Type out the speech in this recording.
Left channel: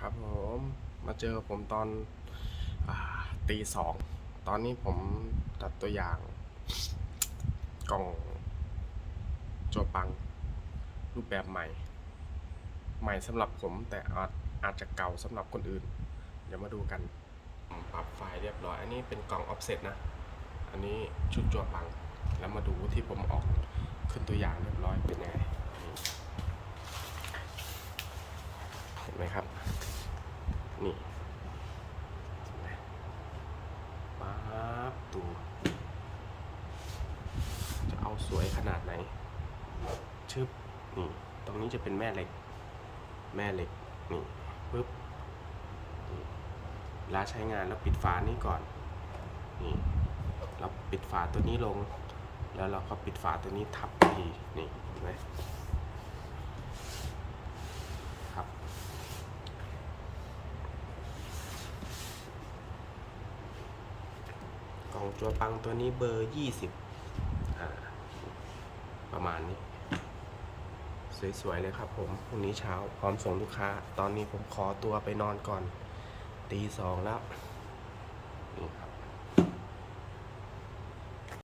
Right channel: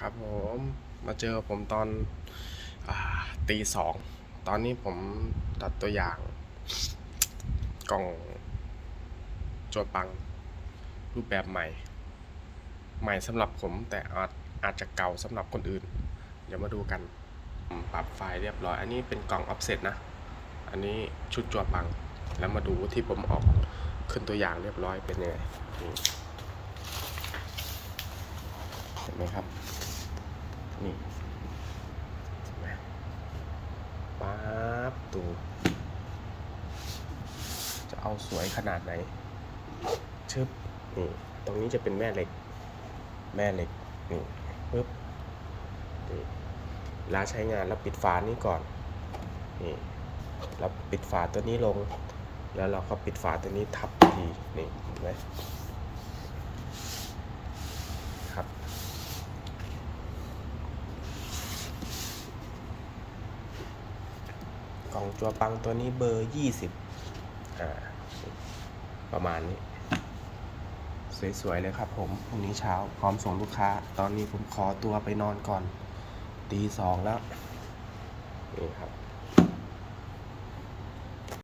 ครับผมมาเจอผมตอนอตีสอง ตอนนี้ผมตัดตัวอย่างกล่องจัวปัง รูปแบบใหม่ ใหม่สำหรับผมแต่อาจอาจจะเก่าสำหรับคนอื่น เดี๋ยวมาดูกันผมปรับไฟล์เรียบร้อย อันนี้เป็นกล่องออฟเซตนะ อันนี้ชุดจัวปัง แล้วมาดูที่ผมออกขึ้นตัวอย่างเรียบร้อยเป็นยังไงนี่เห็นไหมครับ นี่เห็นไหมป๊าบดูจะเอาสวยขนาดไหน ชึบ นี่ ตรงนี้จะเป็นแม่เหล็ก แม่เหล็ก นี่ปึ๊บ นี่ลาใช้งานเราปิดฝานี้ก่อน นี่ เราปิดฝาตัวนี้ลง แล้วเราก็ปิดฝาตัวนี้ทับที นี่เห็นไหมครับ กล่องจัวปังตัวนี้เบอร์ยี่สิบอ่าประมาณนี้ สวย ๆ เลยครับผมพรุ่งนี้เช้าพร้อมส่งลูกค้า ตอนนี้ผมขอตัวไปนอนก่อน ตีสองแล้ว นี่ครับ